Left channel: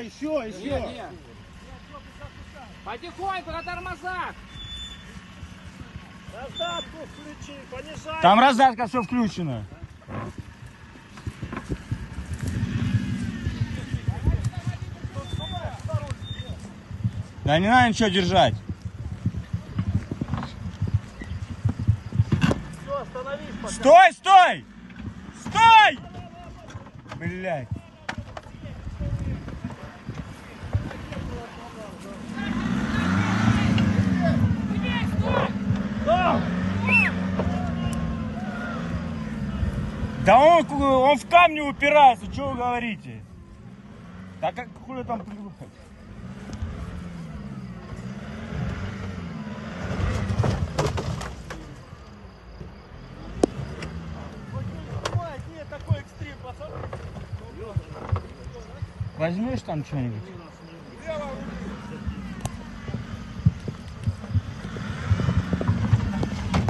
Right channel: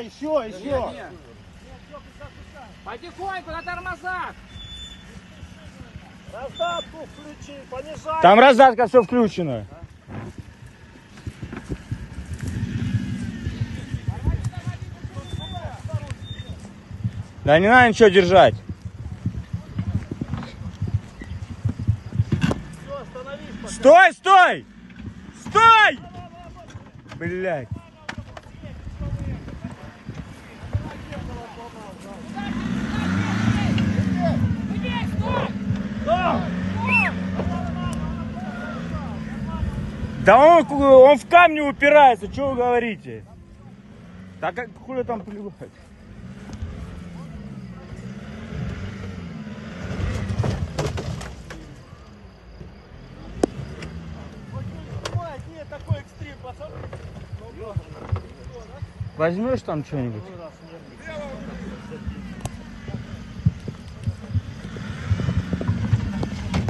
Еще. Потихоньку на тормозах. Раздатку включи, понижай. Там раздатка все включено. Да не надо ничего держать. Все, остановись пока. Стой, стой! Стой! Блядь. Да он в камни упирается, что вы говорите? Так как хули там плюхать? Нет, такой экстрим, пацаны. Возьмешь там что-нибудь?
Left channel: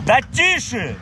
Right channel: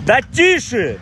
Да тише!